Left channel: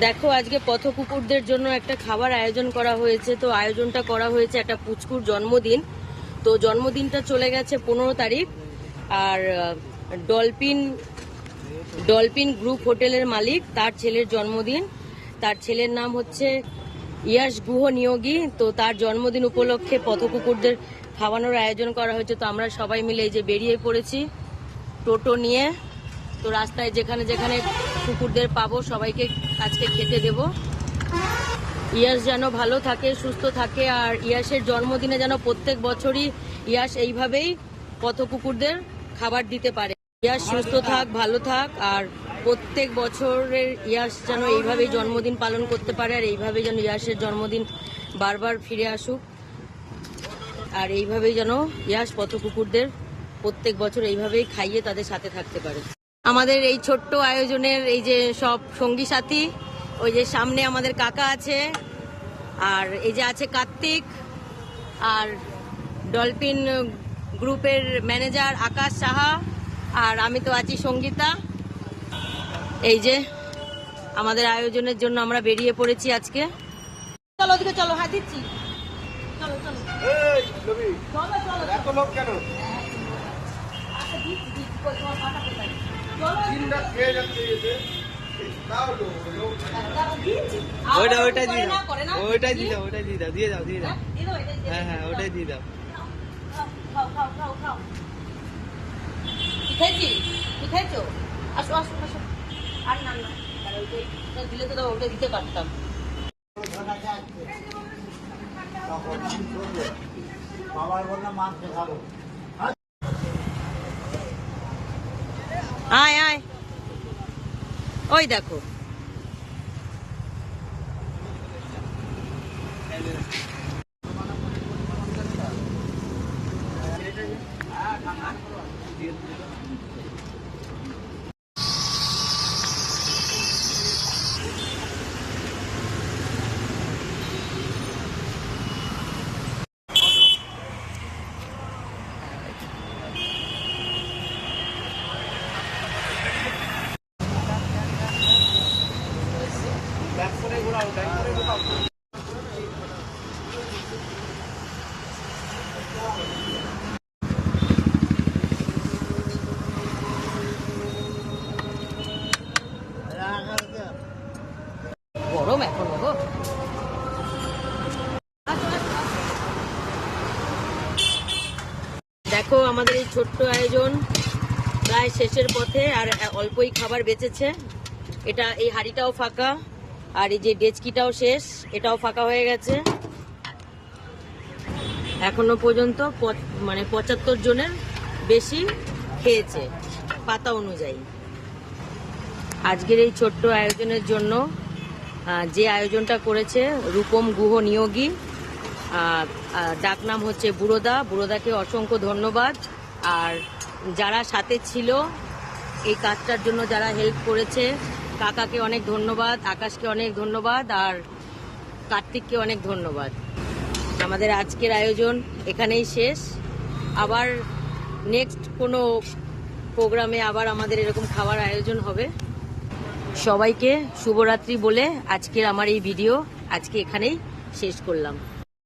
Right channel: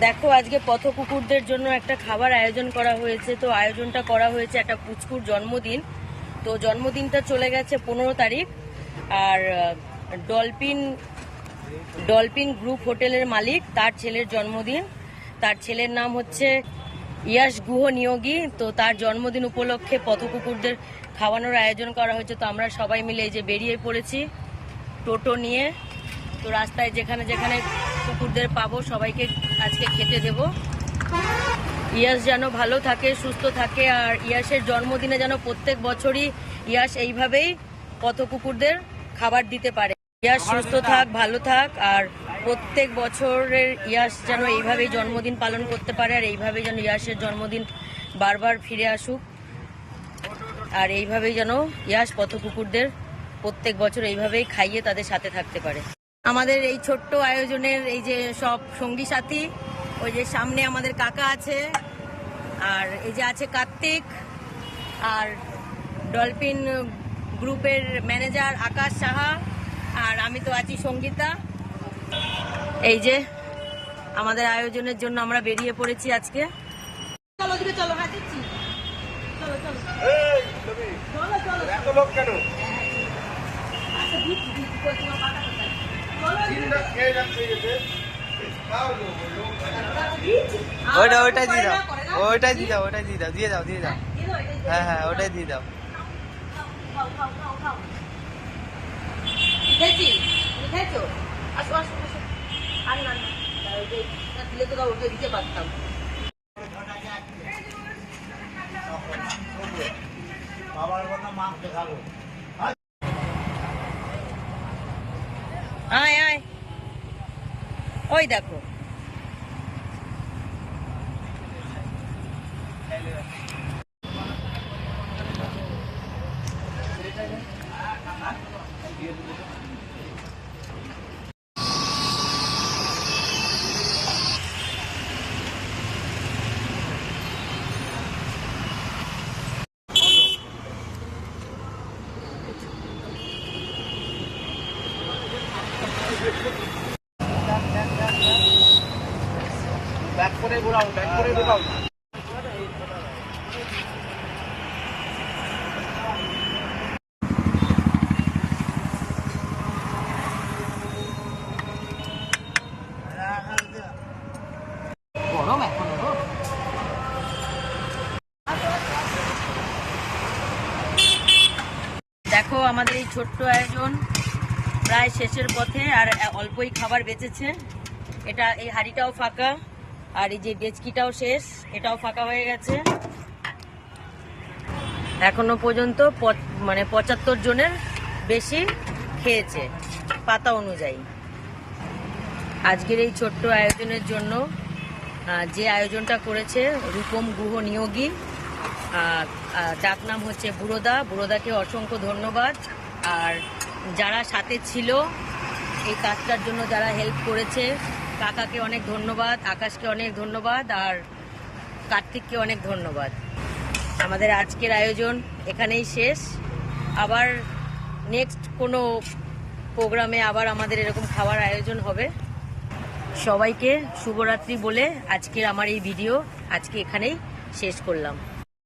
দেখো, আজকে পথ কুকুরদের জন্য একটা খাবার আয়োজন করা হয়েছে। তো আয়োজনটা করা হয়েছে একটা পুচকুর জন্মদিন। তো জন্মদিনটা চলে গেছে পনেরো তারিখ। আর ডলফিন ডলফিন গ্রুপ হোটেলের মালিক তার ছেলের জন্মদিন। তার ছেলের নাম হচ্ছে ইয়াস গুহ নিয়োগী তো তার জন্মদিন উপলক্ষে পথ কুকুরদের খাওয়ানোর আয়োজন করা হয়েছে। তো আমরা সবাই মিলে এই যে বেরিয়ে পড়েছি টোটো নিয়ে। তো রাস্তায় যেখানে যেখানে কুকুরদের পাবো সবাইকে আজকে খেতে দেব। ইয়াস যেন ভালো থাকে সুস্থ থাকে আর ইয়াসের জন্মদিনে যেন প্রত্যেক বছরই ইয়াস এইভাবেই পথ কুকুরদের খাবার দিতে পারে। ইয়াস সুস্থ থাক ভালো থাক আর প্রত্যেক বছরের ইয়াস যেন এইভাবেই জন্মদিন পালন করতে পারে আর এইভাবেই যেন ইয়াসের জন্মদিন বারবার ফিরে আসুক। আর এইভাবেই যেন ইয়াস পথ কুকুরদের প্রত্যেক বছর এইভাবেই খাইয়ে তাদের সাথে থাকতে পারে। আমাদের এই ছোট্ট আয়োজনের এই যে সব সঙ্গী সাথী ওই যে সামনে আমাদের কাকা আছে আর এই যে আছে কার্তিক আর ডলফিন গ্রুপের ম্যানেজার আকাশ সাহা আর আমি তো আছি সঙ্গীতা। এই যে আমাদের আয়োজনের জন্য আমরা বেরিয়ে পড়েছি আজকে। চলো চলো হাত দিচ্ছি। চলো চলো। আচ্ছা চলো ওইটা ওইটাই দিয়ে দাও ওইটাই দিয়ে দাও ওইটাই দিয়ে দাও দিয়ে দাও দিয়ে দাও হ্যাঁ হ্যাঁ ওইটাই দিয়ে দাও। আর না, দিলে তো ওটা দিতে পারতাম। আয় আয়। ওই দেখো। Thank করে গরম এখনও গো। দেখো আমাদের এই ছোট্ট আয়োজন। প্রায় শেষের পথে আর অল্পই খাবার বেঁচেছে। এটা, এই হাঁড়িটাও ফাঁকা, আর এই যে ডেচকিটাও শেষ, এটাও ফাঁকা হয়ে গেছে। এখনও পর্যন্ত মানে পঁচাত্তর জনের বেশি খেয়েছে, পাতা অনুযায়ী। আজকের এই ছোট্ট আয়োজনের জন্য যে আয়োজনটা করেছে রূপম গুহ নিয়োগী ডাকনাম হচ্ছে বুড়োদা। বুড়োদাকে অসংখ্য ধন্যবাদ। আর যারা সাথে ছিল, এই কাজটার জন্য যারা হেল্প করেছে, কাকাকে অনেক ধন্যবাদ, আকাশকে অনেক ধন্যবাদ, আর কার্তিককে অনেক ধন্যবাদ। আমাদের আজকের আয়োজন এখানেই শেষ। আবার নেক্সট কোনো প্রোগ্রামে আবার আমাদের এরকম খাবার আয়োজন হবে। সবাইকে শুভরাত্রি বলে আজকের আমার এই ভিডিও আজকে এখানেই শেষ করলাম।